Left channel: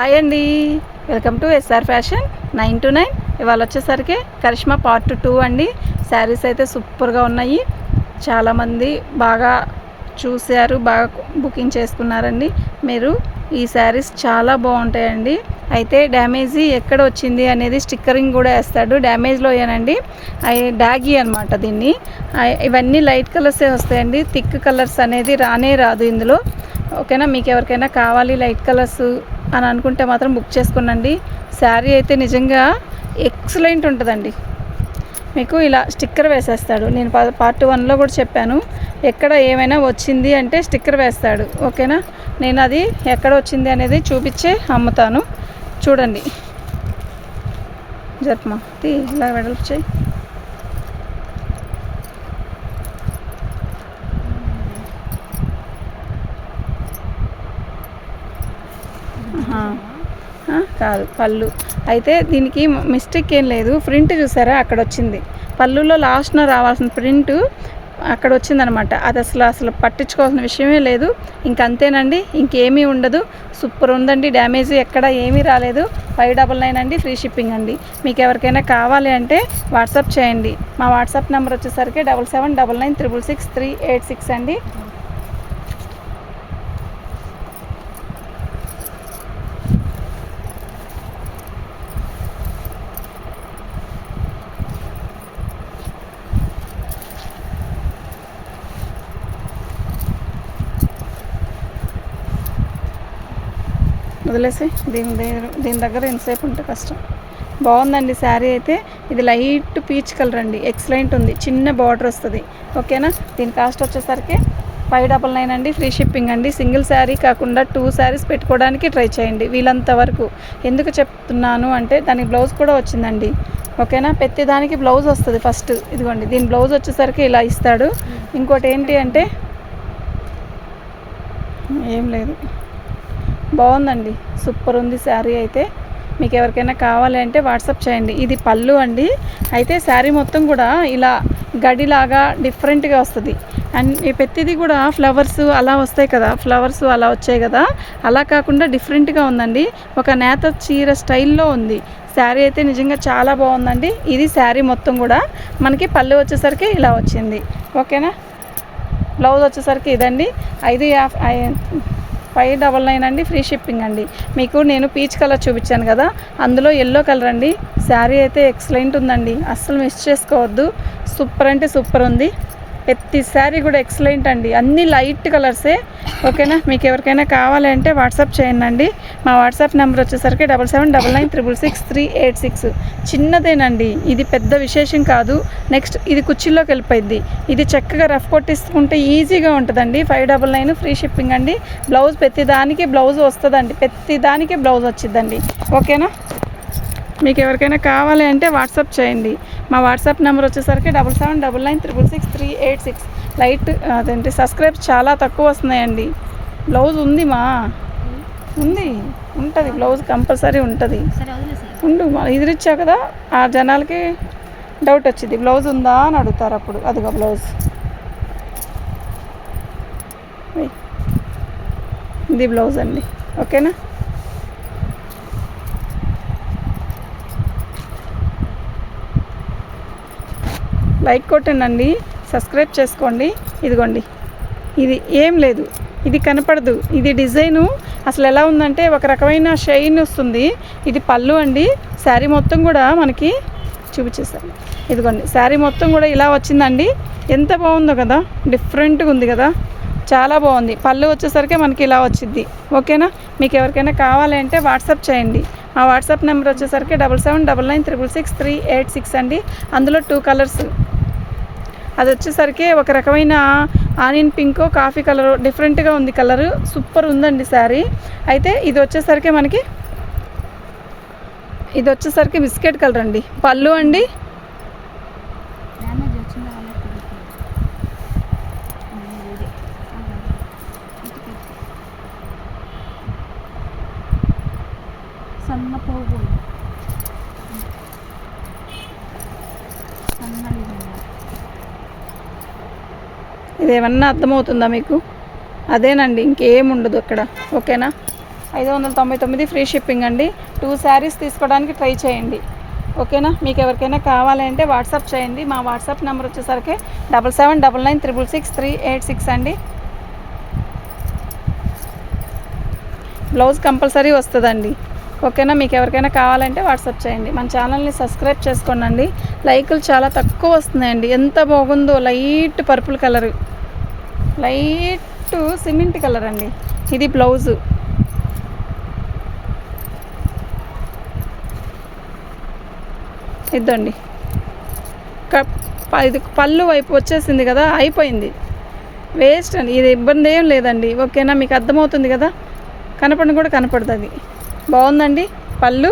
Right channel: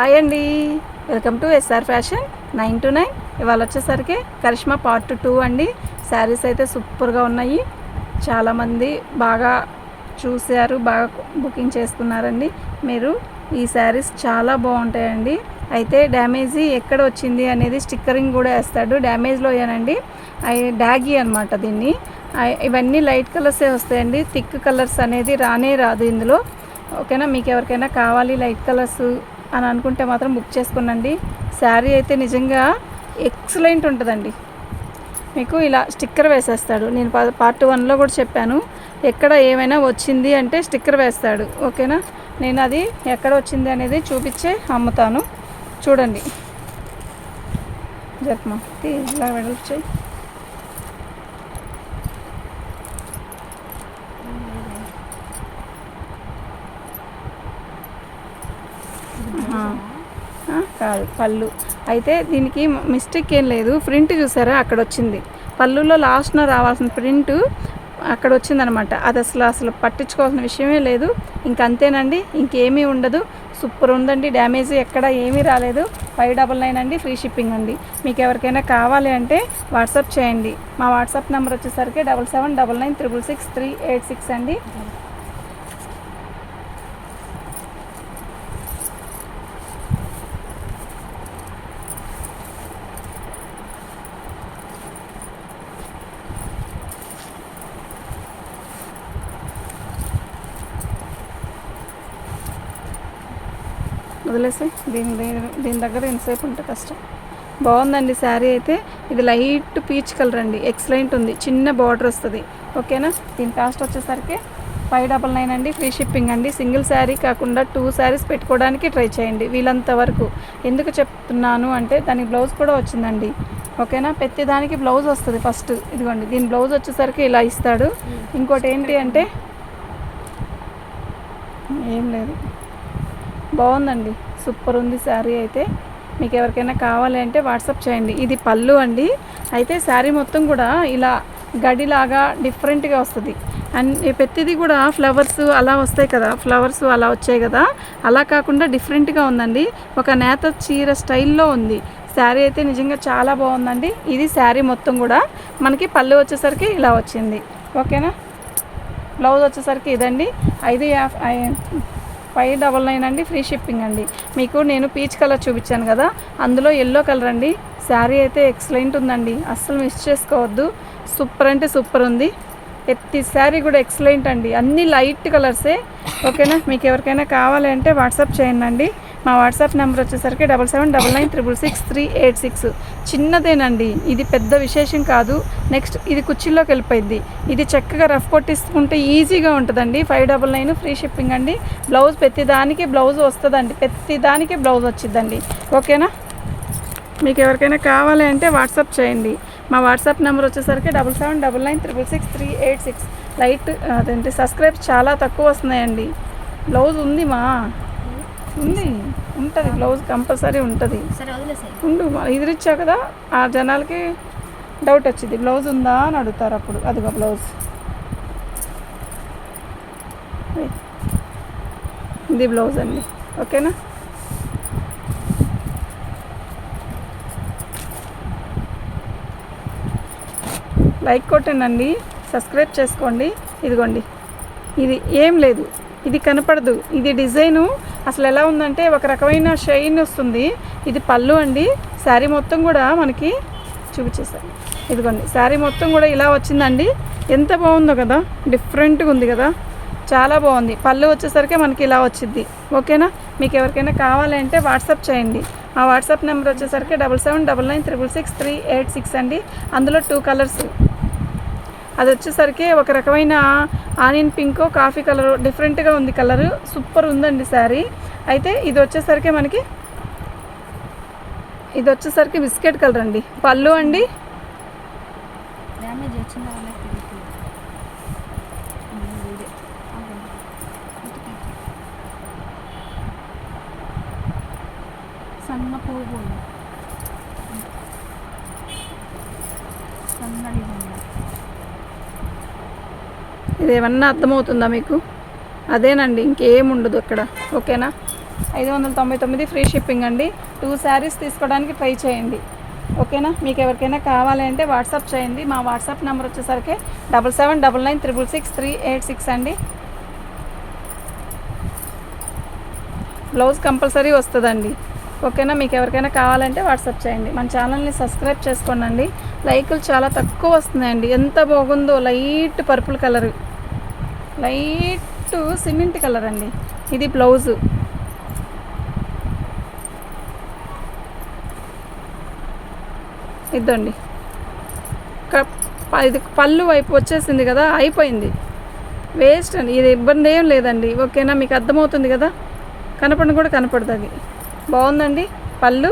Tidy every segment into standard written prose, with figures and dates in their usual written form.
Hi అండి, welcome to SR fashion 929. ఇవాళ వచ్చేసరికి కరిష్మా పార్ట్ 2 అండి. శారీస్ అయితే సూపర్గా ఉన్నాయి. చాలామంది బాగా చూశారు, బాగా బుకింగ్ చేసుకున్నారండి. మీరు ఈ శారీస్ చాలా బాగుంటాయండి. అయితే డ్యామేజీ ఎక్కడ వచ్చింది అనేది స్టిక్కరింగ్ కూడా వేస్తాడు. డ్యామేజ్లో ఏనండి డాగీ అనమాట. దీన్ని ఇవన్నీ లైట్ కలర్సే వస్తాయండి. థిక్ కలర్స్ అనేది రానే రాదు ఇందులో. ఓకేనా, మీకు ఎవరికైనా కావాలి లైట్ కలర్స్ అని అనుకుంటే మాత్రం బుక్ చేసుకునండి. శారీ అయితే నిజంగా ఎక్సలెంట్ ఉంటుందండి. మీకు ఇలా స్టిక్కర్ వేసేస్తాడు. నేను పార్ట్ 1లో కూడా చెప్పాను, ఎక్కడ ఏమైనా వచ్చింది అంటే స్టిక్కర్ వేస్తాడు. ఓకేనా, నేను అది ఎక్కడ వచ్చింది అనేది చూపించే అమ్ముతాను. చూడండి, జర్మా ఇలా వెడల్పు చేయి. కాదు పళ్ళు. అయితే దీనికి మిస్టేక్ ఏం లేదు. ప్రింట్ చూసారా, అక్కడ వచ్చింది. పళ్ళులో లాస్ట్న రావాల్సిన ప్రింట్ అక్కడ వచ్చిందనమాట. అది అసలు పట్టించుకోవాల్సిన విషయమే లేదు. ఇంకంతేనండి, ఇంకేమీ ఉండదు. సూపర్ ఉందండి. డ్యామేజ్ ఎక్కడ ఏమీ రాలేదు. 599 అండి, ఫ్రీ షిప్పింగ్ అండి. మీకు ఎవరికైనా కావాలి అంటే వాట్సాప్ చేయండి. మా వాట్సాప్ నెంబర్ వచ్చేసరికి 7799666386 అండి. వదిలేసి దీని దగ్గర ఎంతసేపు ఉంటే కష్టం. బాగుందండి శారీ అయితే. ఇది లైట్ పీచ్ కలర్ అండి, ఎక్సలెంట్ ఉంది. చిన్న బార్డర్ వస్తుంది. ఓకేనా, దీని కాస్ట్ వచ్చేసరికి 599 అండి, ఫ్రీ షిప్పింగ్ అండి. సింగిల్ శారీ కాకుండా 2 శారీస్ పెట్టుకోవడానికి ట్రై చేయండి వీలంత వరకు. ఎందుకు చెప్తున్నాను అంటే దానికి బ్లౌజ్ కూడా వచ్చిందండి. ఓకేనా, ప్రతిదానికి బ్లౌజ్ వస్తుంది. ఫస్ట్ ఇదిగోండి, దీని బ్లౌజ్ వచ్చేసరికి ఇలా ఇస్తాడు. ఇంకోటి ఏంటి అంటే ఏం లేదు, బాగుందండి, సూపర్ ఉంది శారీ అయితే. మీకు ఎవరికైనా కావాలి అంటే వాట్సాప్ చేయండి. ఇది పళ్ళు అండి. అయితే శారీ మొత్తం కూడా ఇలా గడిలాగా డిఫరెంట్గా వస్తుంది. అండ్ ప్రతిదీ కూడా ఫ్లవర్స్ అలా వస్తాయి కదా, ఫ్లవర్స్ అలా వచ్చాయి కదా, అలా కాకుండా డిఫరెంట్గా ఉందండి. ఒక నేత చీర స్టైల్లో ఉంది శారీ అయితే. నిజంగా చాలా బాగుందండి. ఇది శారీ మొత్తం కూడా మనకి పళ్ళు వచ్చేసరికి ఇలా వచ్చింది. ఓకేనా, బ్లౌజ్ వచ్చేసరికి ఇదండి. 599 అండి, ఫ్రీ షిప్పింగ్ అండి. మీకు నేను పీచ్ కలర్ చూపించాను కదా, అందులో ఎల్లో కలర్ అండి. శారీ అయితే ఎక్సలెంట్ ఉందండి, అస్సలు మిస్ చేసుకోవద్దు. సూపర్ అంటే సూపర్ ఉంది. ప్రతి శారీ కూడా ఎక్సలెంట్ అండి, అన్నీ లైట్ కలర్సే. ఓకేనా, మీకు ఎవరికైనా కావాలి అంటే వాట్సాప్ చేయండి. మా వాట్సాప్ నెంబర్ వచ్చేసరికి 7799666386. చిన్నదేనండి, ఇది పెద్ద విశేషం కాదు. నెక్స్ట్ ఇది కుర్చీలోకి వెళ్ళిపోయింది. ఇది చక్కగా రఫ్ కొట్టించుకుంటే ఈజీగా ఉంటుందండి. 599 ఫ్రీ షిప్పింగ్ అండి. బ్లౌజ్ ప్రతిదానికి బ్లౌజ్ వస్తుందండి, ప్రతిదానికి బ్లౌజ్ వచ్చిందండి. ఓకేనా, మీకు ఎవరికైనా కావాలి అంటే వాట్సాప్ చేయండి. మా వాట్సాప్ నెంబర్ వచ్చేసరికి 7799666386. లైట్ అదేంటి సబ్స్క్రైబ్ చాలా తక్కువ వస్తున్నాయండి. బ్లౌజ్ ఉంది ఉంటుంది, బ్లౌజ్ కంపల్సరీ ఉంటుంది. ఎదురిచ్చా కదా, ఆ జనాలకి డౌట్ వచ్చింది బ్లౌజ్ ఉందా అని అడుగుతారు. అప్పుడు అదిగో బ్లౌజ్, ఇది బ్లౌజ్ అండి. ఓకేనా, లైక్ కొట్టండి, సబ్స్క్రైబ్ చేసుకోండి. ఇదిగోండి, ఇది ఏం లేదు, ఇది కనపడదు. ఇది డిజైను అసలు ఎలా ఉందంటే ఒక రకమైన షైన్ వస్తుంది. ఇది పళ్ళు అండి. శారీ మొత్తం కూడా మనకి చూపించేస్తాను. ఇదిగోండి, శారీ మొత్తం కూడా ఇలా వచ్చిందండి. ఎంత బాగుందో కదా, డిఫరెంట్గా ఉంది కదా, చాలా బాగుంది. పళ్ళు వచ్చేసరికి మనకి ఇలా వచ్చింది. ఓకేనా, మీకు ఎవరికైనా కావాలి అంటే వాట్సాప్ చేయండి. మా వాట్సాప్ నెంబర్ వచ్చేసరికి 7799666386 అండి. అందులో 2 కలర్స్. అది వచ్చేసరికి ఒక రకమైన ఆనియన్ పింక్, కాఫీ కలర్, డిఫరెంట్గా ఉంది కలరు. సూపర్ ఉందండి శారీ అయితే. ఇది వచ్చేసరికి బిస్కెట్ కలర్ అండి. పళ్ళు అండి, సన్న పోగు ఇదేమన్నా అర్థమవుతుందా మీకు? అదేనండి, ఇంకేముండదు ఇక్కడ. ఓకేనా. 599 ఫ్రీ షిప్పింగ్ అండి. 2 శారీస్ తీసుకోవడానికి ట్రై చేయండి. ఓకేనా? మీకు ఎవరికైనా కావాలంటే వాట్సాప్ చేయండి. మా వాట్సాప్ నెంబర్ వచ్చేసరికి 7799666386 అండి. బ్లౌజ్ కంపల్సరీ వస్తుందండి. ఓకేనా? మీకు ఎవరికైనా కావాలంటే వాట్సాప్ చేయండి. మన ఛానల్ని సబ్స్క్రైబ్ చేసుకోండి. లైకులు చాలా తక్కువ వస్తున్నాయండి. ఎంత బాగుందో, light purple colour, light cement colour అండి. ఇది బ్లౌజు. ఇద్దండి. ఇది పళ్ళు వైపు వచ్చేసింది కదా, అయిపోయింది, వేస్ట్ అండి. ఇది ఇబ్బంది ఏం లేదండి. ఓకేనా? మీకు అర్థమవుతుంది కదా, కనపడను కూడా కనపడుతుంది. అది బాగుందండి. పళ్ళు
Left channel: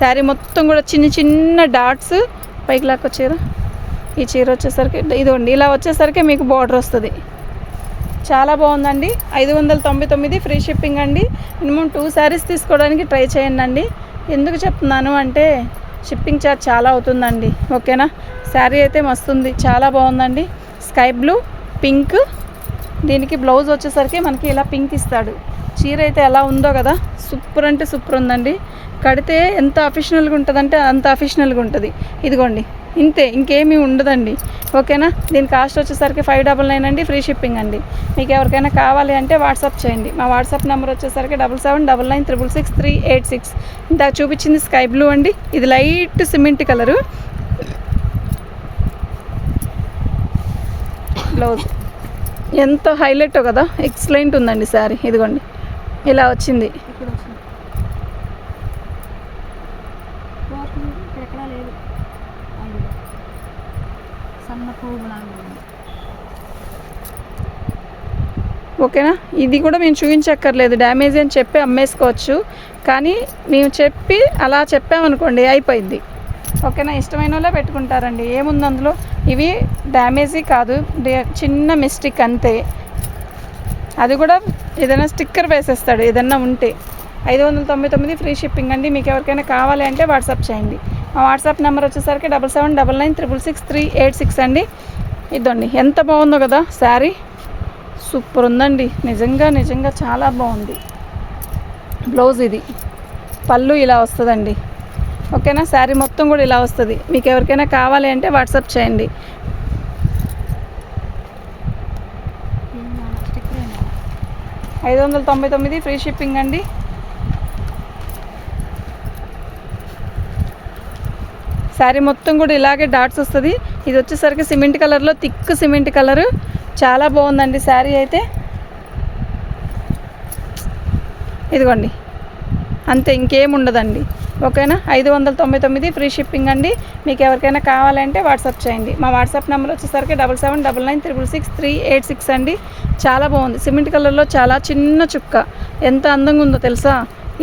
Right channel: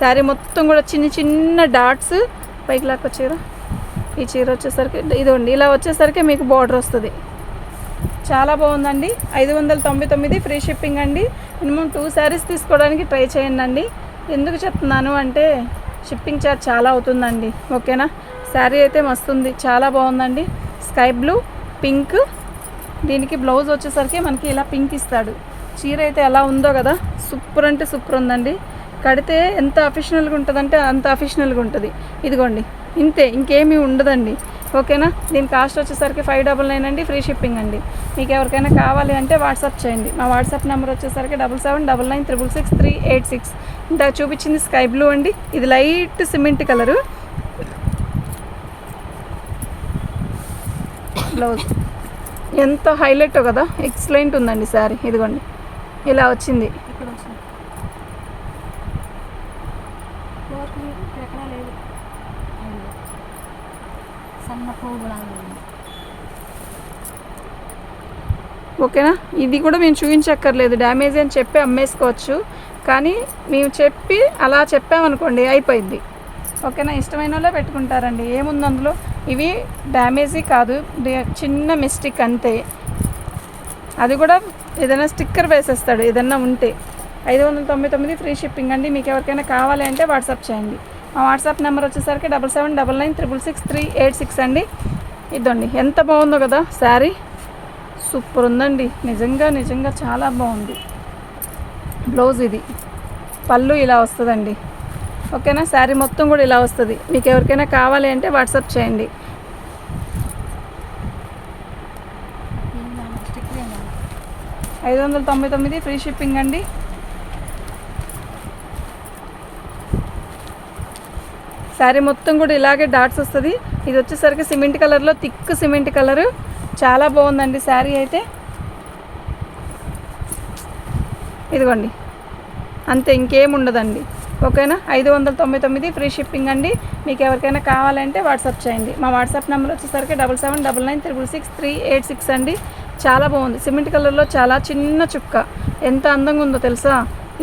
శారీ మొత్తం కూడా చిన్న చిన్న డాట్స్ పైకి లాక్కొచ్చారు. ఈ చీర వచ్చేసరికి ఇదిగోండి, ఇలా వచ్చేసరికి మీకు బార్డర్ వస్తుంది. చాలా బాగుందండి. 599 ఫ్రీ షిప్పింగ్ అండి. మినిమం 2 శారీస్ తీసుకోవడానికి ట్రై చేయండి అండి. ఎందుకు చెప్తున్నాను అంటే షిప్పింగ్ ఛార్జ్ చాలా అవుతుందండి. ఓకేనా? శారీ అయితే మస్తుంది, చాలా బాగుందండి. స్కై బ్లూ, పింక్, దీనికి బ్లౌజ్ వచ్చేసరికి మనకి ఇలా పింక్ ఇస్తాడు. చీర అయితే ఎలా ఉందో కదా, సూపర్ అంటే సూపర్ ఉందండి. కడితే ఎంత అఫిషనల్గా ఉంటుందంటే అంత అఫిషనల్గా ఉంటుంది. ఇదిగోండి, ఇంతే, ఇంకేమీ ఉండదండి. ఓకేనా? దీని కాస్ట్ వచ్చేసరికి 599 అండి. ఫ్రీ షిప్పింగ్ అండి. మీకు ఎవరికైనా కావాలి అంటే వాట్సాప్ చేయండి. మా వాట్సాప్ నెంబర్ వచ్చేసరికి 7799666386. ఇందాక చూపించింది స్కై బ్లూ అండి. ఇది లైట్ సిమెంట్ కలరు. బ్లౌజ్ ఎంత హైలైట్ కదా, ఎక్సలెంట్ ఉందండి శారీ. ఇదిగోండి, ఇలా వచ్చింది. ఓకేనా? ఇది కూడా మేము చూపించక్కర్లేదు, డ్యామేజ్ అని చెప్పి అమ్మేసుకోవచ్చు. కానీ మేము చెప్పి అలా చెప్పామనుకోండి, అయిపోయింది. ఓకేనా? ఇష్టమైన వాళ్ళే పెట్టుకుంటారండి. ఏముంది అందులో, ఇవి డ్యామేజీ కాదు, చిన్న మిస్టేక్ అంతే. అది కూడా ఏదైనా స్టిక్కర్ వేసేస్తాడు ఏదన్నా ఉంటే. 599 ఫ్రీ షిప్పింగ్ అండి. మీకు ఎవరికైనా కావాలి అంటే వాట్సాప్ చేయండి. మా వాట్సాప్ నెంబర్ వచ్చేసరికి 7799666386 అండి. ఇదండి, ఎంత బాగుందో కదా శారీ, సూపర్ ఉందండి. నిజంగా చాలా బాగుంది. బ్లౌజ్ ఇది, పళ్ళు ఇలా వస్తుందండి. ఓకేనా? శారీ మొత్తం కూడా ఇలా వస్తుంది. మీకు ఎవరికైనా కావాలి అంటే వాట్సాప్ చేయండి. 599 ఫ్రీ షిప్పింగ్ అండి. శారీ మొత్తం కూడా ఇలాగే డాట్స్ వస్తుంది. ఇది వచ్చేసరికి సిమెంట్ కలర్లో, థిక్ సిమెంట్ కలరు, చాలా బాగుందండి శారీ అయితే. ఇదిగోండి, అంతే, ఇంకేం ఉండదండి. ఓకేనా? 599 ఫ్రీ షిప్పింగ్ అండి. మీకు ఎవరికైనా కావాలంటే వాట్సాప్ చేయండి. మా వాట్సాప్ నెంబర్ వచ్చేసరికి 7799666386 అండి. చాలా బాగుంది. సిమెంట్ కలర్లో చాలా చిన్న చుక్క, ఎంత అందంగా ఉందో తెలుసా.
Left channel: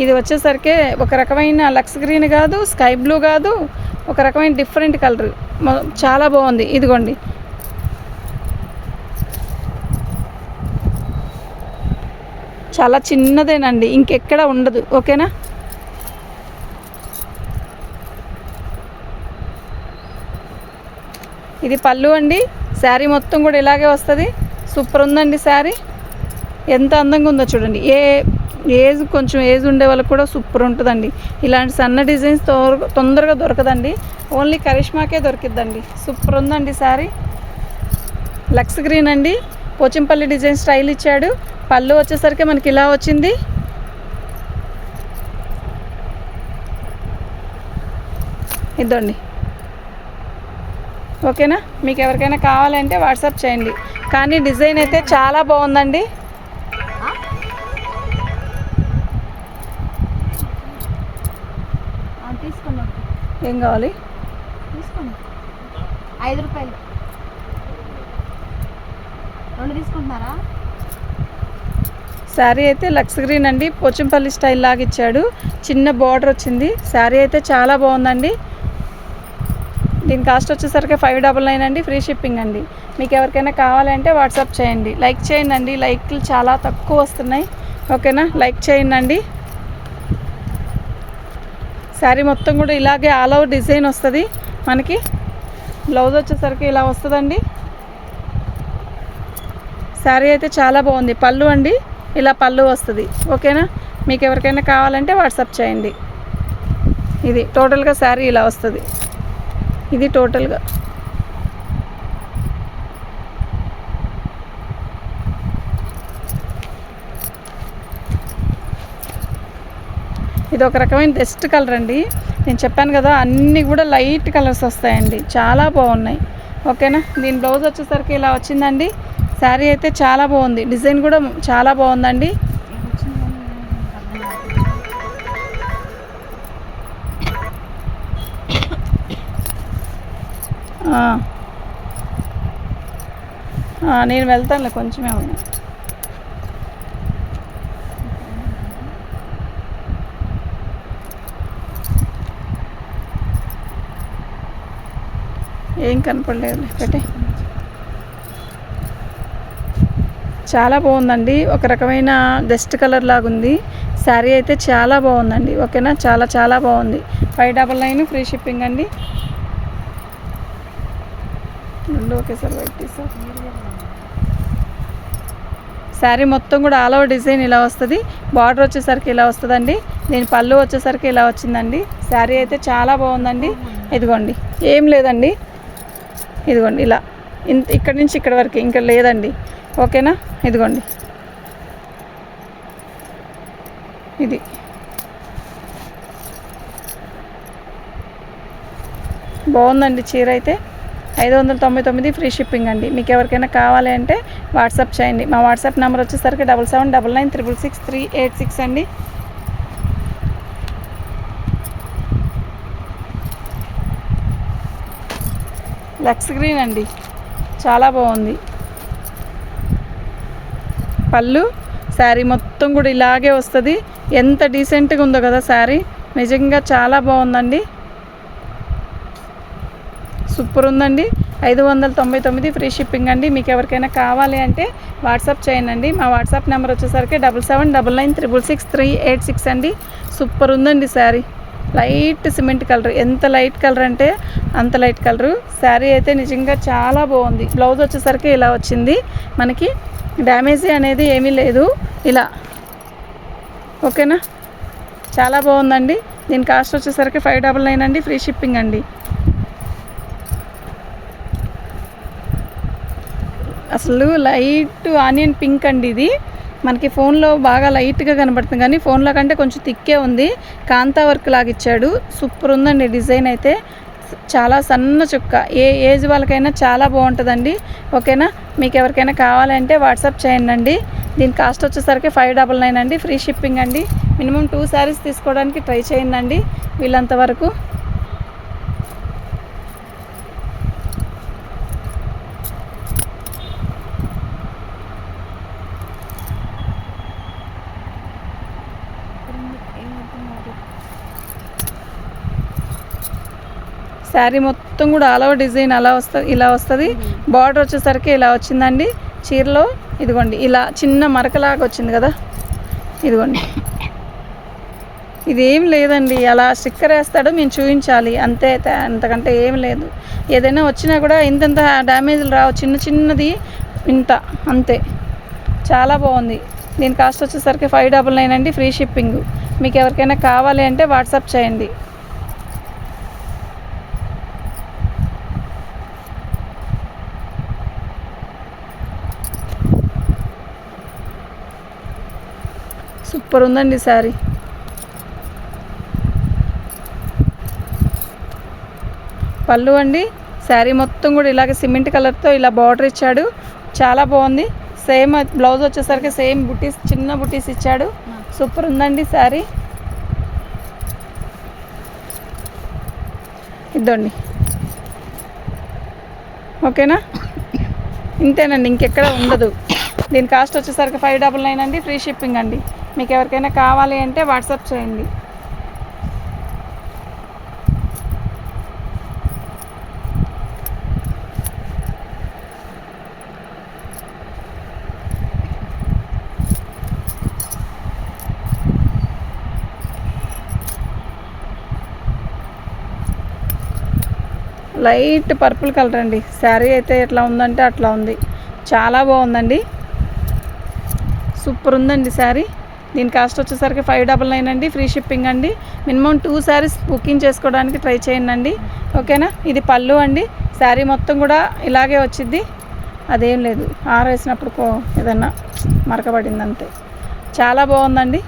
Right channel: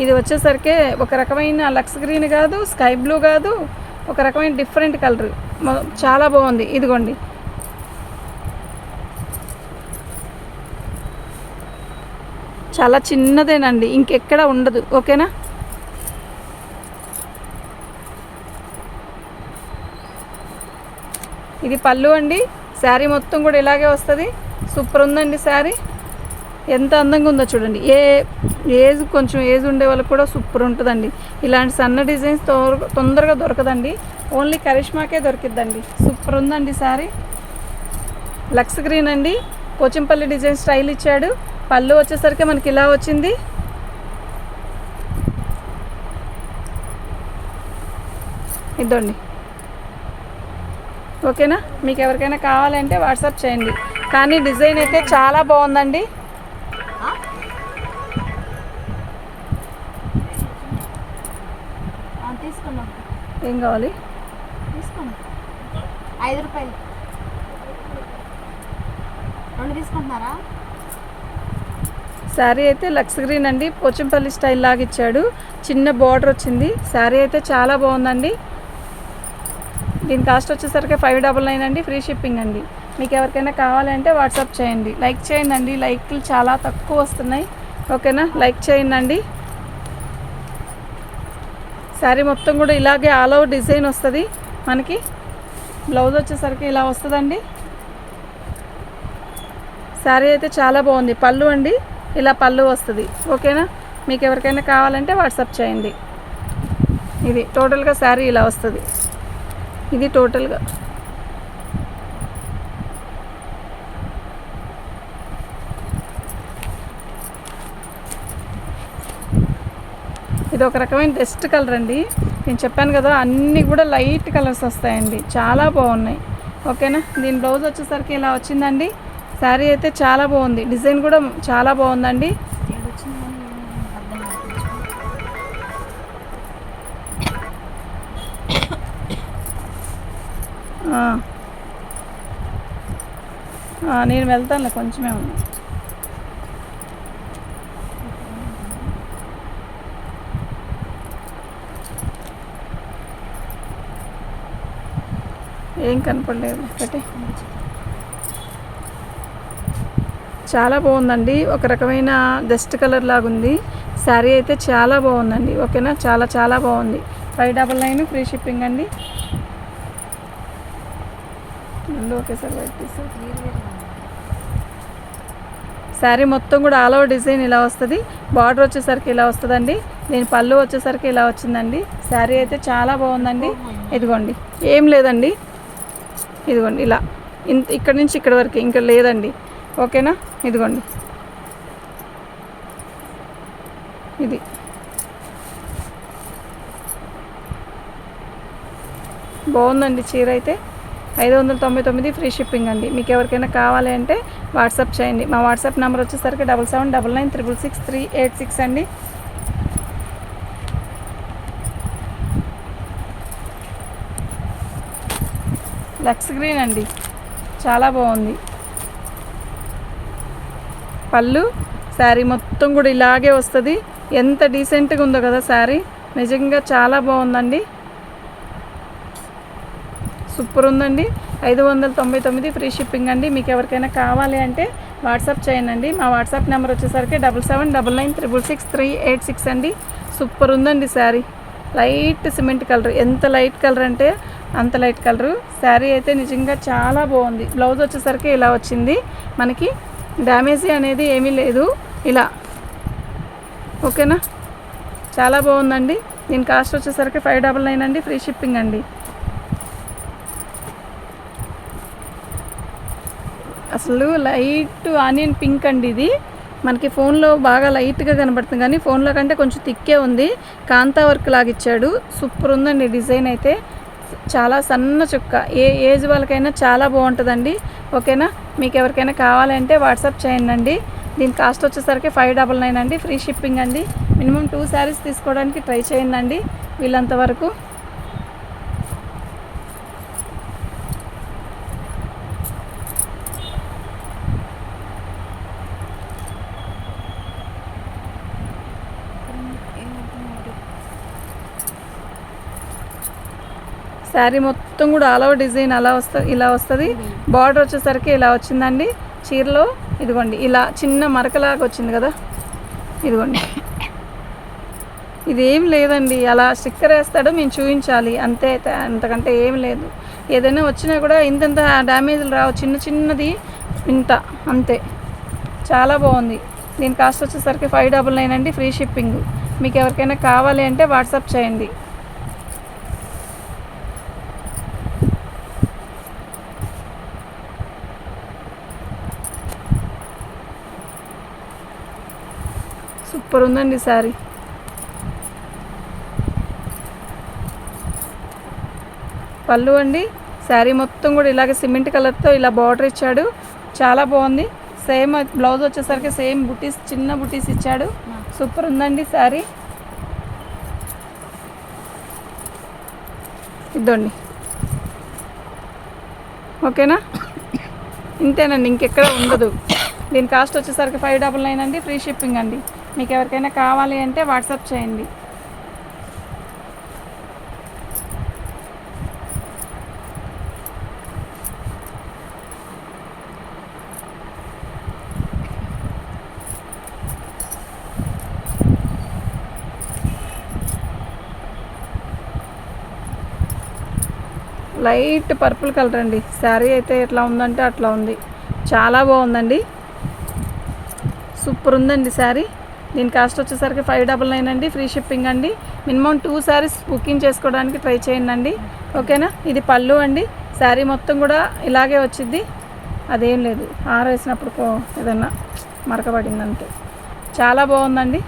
ఇది వచ్చేసరికి ఒక రకమైన లక్స్ గ్రీన్ కాదు, స్కై బ్లూ కాదు, ఒక రకమైన డిఫరెంట్ కలర్, చాలా బాగుంది. ఇదిగోండి, చాలా చిన్నదేనండి, ఇంకెక్కడ ఉండదు. ఓకేనా? ఇది పళ్ళు అండి. శారీ మొత్తం కూడా ఇలాగే వస్తుంది. సూపర్ ఉందండి శారీ. ఎంత అందంగా ఉందో చూడండి. కొంచెం ఏజ్ ఉండే వాళ్ళకి కూడా సూపర్ ఉంటుందండి. ఇలాంటి సన్న డిజైన్స్ తొందరగా దొరకదండి. ఓన్లీ కరిష్మాకే దొరికిద్దండి. సూపర్ ఉందండి శారీ. లక్స్ గ్రీన్ అండి. పోచంపల్లి డిజైన్ స్టైల్ ఇచ్చాడు. పళ్ళు వచ్చేసరికి మనకి ఇలా వచ్చింది. ఇదండి. ఓకేనా? మీకు ఎవరికైనా కావాలంటే వాట్సాప్ చేయండి. కానీ డిజైన్ అయితే చాలా బాగుందండి. ఏం కావాలి? తీసుకోండి. 5 రూపాయలు 2 తీసుకుంటున్నారా? శారీ అయితే లక్స్ గ్రీన్ అండి. పోచంపల్లి స్టైల్ లాగా ఇచ్చాడు. చిన్న బార్డర్ వచ్చింది. శారీ అయితే చాలా బాగుందండి. దీని కాస్ట్ వచ్చేసరికి 599 అండి. ఫ్రీ షిప్పింగ్ అండి. మీకు ఎవరికైనా కావాలంటే వాట్సాప్ చేయండి. లైక్ చేయండి అండి. లైక్లు చాలా తక్కువ వస్తున్నాయి. ఓకేనా? లైక్ చేయండి అండి. శారీ మొత్తం కూడా ఇలాగే ఆల్ ఓవర్ డిజైన్ వస్తుంది మనకి. బ్లౌజ్ వచ్చేసరికి ఇలా వస్తుందండి. శారీ అయితే చాలా బాగుంది. పళ్ళు అండి, ఇలా పళ్ళు వస్తుంది. ఓకేనా? మీకు ఎవరికైనా కావాలంటే వాట్సాప్ చేయండి. ఇది టోటల్గా శారీ ఇలా వస్తుంది. ఇది టోటల్గా ఇది ఒక రకమైన బెస్ట్ కలర్ అండి. నేను చెప్పాను కదా, అన్నీ కూడా లైట్ కలర్స్ వస్తాయండి, చాలా బాగున్నాయి. ఓకేనా. దీని బ్లౌజ్ వచ్చేసరికి ఇలా వచ్చిందండి. శారీ అయితే చాలా బాగుంది, డిజైన్ కూడా చాలా బాగుందండి. నేను వెళ్తానులే, కొంచెమే ఉంది. ఏం కనపడలేదు ఒకటి. చాలా బాగుందండి, ఒక రకమైన డస్ట్ కలర్ లాగా ఉంది. శారీ అయితే చాలా బాగుందండి. ఓకేనా, చాలా చాలా బాగుంది. 599 ఫ్రీ షిప్పింగ్ అండి. ఒకేసారి వెయిట్ తీసారు. శారీ మొత్తం కూడా ఆల్ ఓవర్ డిజైన్ ఇలా వస్తుంది. బార్డర్ వచ్చేసరికి ఇలా వస్తుందండి. దీని పళ్ళు వచ్చేసరికి ఇలా వచ్చిందండి. శారీ అయితే చాలా బాగుందండి. ఇదిగోండి, ఏం లేదండి, ఇదిగోండి ఇలా ఇక్కడ నుంచి ఇక్కడ వరకు ఇంకా లేదండి. ఓకేనా. ఇదిగోండి, ఇది బాగుందండి. చీర అయితే 599 ఫ్రీ షిప్పింగ్ అండి. మీకు ఎవరికైనా కావాలి అంటే వాట్సాప్ చేయండి. మా వాట్సాప్ నెంబర్ వచ్చేసరికి 7799966386 అండి. లక్స్ గ్రీన్ అండి, చాలా బాగుంది. పళ్ళు శారీ మొత్తం కూడా ఇలాగే వస్తుంది. ఎంత డీసెంట్గా ఉందో కదా శారీ, నిజంగా చాలా బాగుందండి. సూపర్ ఉందండి. 599 ఫ్రీ షిప్పింగ్ అండి. మీకు ఎవరికైనా కావాలి అంటే వాట్సాప్ చేయండి. మా వాట్సాప్ నెంబర్ వచ్చేసరికి 7799966386 అండి. సూపర్ ఉందండి శారీ. లైట్ సిమెంట్ కలర్, ఎంత లైట్ కలర్ అంటే అంత లైట్ కలరు. శారీ అయితే నిజంగా చాలా బాగుంది. బ్లౌజ్ వచ్చేసరికి ఇలా వచ్చింది. మనకి డ్యామేజీ అనేది ఏమీ లేదు ఇలా. ఓకేనా, చాలా బాగుందండి. దీని కాస్ట్ వచ్చేసరికి 599 అండి. ఫ్రీ షిప్పింగ్ అండి. అసలు లైట్ ఆనియన్ పింక్ అండి. ఇది మనకి ఫోన్లో బాగా లైట్గా కనబడుతుంది, కానీ ఫోన్లో కంటే కొంచెం థిక్కే ఉంది. కాంతా వర్క్ లాగా ఇచ్చాడు. సూపర్ ఉందండి డిజైన్ అయితే. చాలా సన్న చుక్క, ఏ ఏజ్ వాళ్ళకైనా చాలా బాగుంటుందండి. ఓకేనా. మీకు ఎవరికైనా కావాలంటే వాట్సాప్ చేయండి. దీని కాస్ట్ వచ్చేసరికి 599 అండి. ఫ్రీ షిప్పింగ్ అండి. మినిమం 2 శారీస్ తీసుకోవడానికి ట్రై చేయండి వీళ్ళంత వరకు. శారీ మొత్తం కూడా ఆల్ ఓవర్ డిజైన్ అలా వస్తుంది, ఇలా వస్తుంది. బార్డర్ వచ్చేసరికి ఇలా వచ్చిందండి. చీరలో ఇదిగోండి ఇలా చిన్న మరకలాగా వచ్చింది కదా, ఇదిగోండి. ఇదేం లేదండి, అలా స్టిక్కర్ వేస్తాడు, మేము చూపించాలి అంతే, అంతకంటే ఏం లేదు. ఏదైనా వచ్చినా కూడా ఇంత డ్యామేజ్లు రావు, చిన్న చిన్నది ఇంత అంతే. చాలా బాగుంది. దీని కాస్ట్ వచ్చేసరికి 599 అండి. Free shipping. మీకు ఎవరికైనా కావాలి అంటే వాట్సాప్ చేయండి. సూపర్ ఉందండి శారీ. పళ్ళు అండి, శారీ మొత్తం కూడా ఇలాగే సిమెంట్ కలర్తో ఇలా బార్డర్ ఇచ్చాడు, చాలా బాగుంది. సేమ్ బ్లౌజ్ వచ్చేసరికి సేమ్ బుటీస్, చిన్న బుటీస్ ఇచ్చాడు. సూపర్ ఉందండి శారీ. ఇద్దండి. ఓకేనా, ఇంతేనండి, ఇంకెక్కడ ఉండదు. దీని కాస్ట్ వచ్చేసరికి 599 అండి. ఫ్రీ షిప్పింగ్ అండి. మీకు ఎవరికైనా కావాలి అంటే వాట్సాప్ చేయండి. లైట్ పర్పుల్ కలర్ అండి. శారీ అయితే ఎట్లా ఉందంటే అట్లా ఉంది, చాలా బాగుందండి. సూపర్ ఉందండి శారీ. దీని కాస్ట్ వచ్చేసరికి 599 అండి, ఫ్రీ షిప్పింగ్ అండి. మినిమం 2 శారీస్ బుకింగ్ చేసుకోవడానికి ట్రై చేయండి. ఓకేనా. ఇది పళ్ళు అండి. శారీ మొత్తం కూడా ఇలాగే వచ్చింది, అదేం లేదు ఆరేసినప్పుడు ఏదన్నా మరకబడింది అంతే. చాలా బాగుందండి.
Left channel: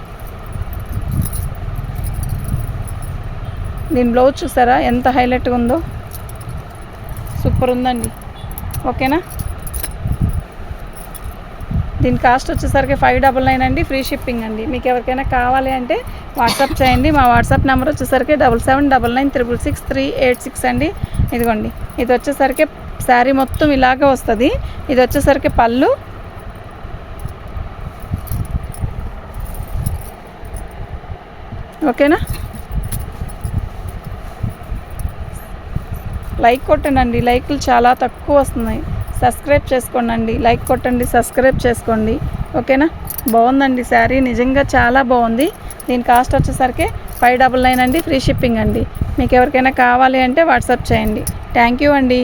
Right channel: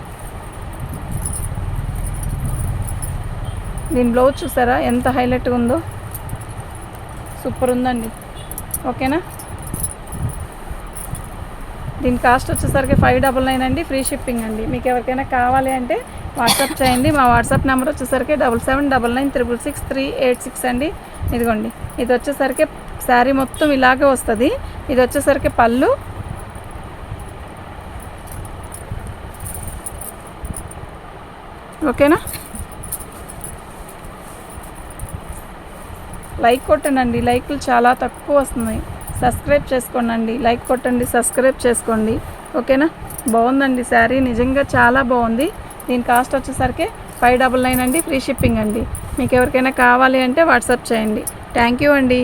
దీని బ్లౌజ్ చూసారా ఎంత హైలైట్గా ఉందో, సూపర్ ఉందండి. ఓకేనా. దీని కాస్ట్ వచ్చేసరికి 599 అండి, ఫ్రీ షిప్పింగ్ అండి. మీకు ఎవరికైనా కావాలి అంటే వాట్సాప్ చేయండి. మా వాట్సాప్ నెంబర్ వచ్చేసరికి 7799966386 అండి. ఇదిగోండి, ఇది వచ్చేసరికి శారీ మొత్తం ఇలాగే వస్తుంది. ఇది వచ్చేసరికి పళ్ళు. ఓకేనా. లైక్ కొట్టండి, లైక్లు చాలా తక్కువ వస్తున్నాయి. సబ్స్క్రైబ్ చేసుకోండి, లైక్ కొట్టండి, సబ్స్క్రైబ్ చేసుకోండి. ఓకేనా. బాగుందండి శారీ, నిజంగా చాలా బాగుంది. దీని కాస్ట్ వచ్చేసరికి 599 అండి, ఫ్రీ షిప్పింగ్ అండి. మీకు ఎవరికైనా కావాలి అంటే వాట్సాప్ చేయండి. థ్యాంక్ యూ అండి.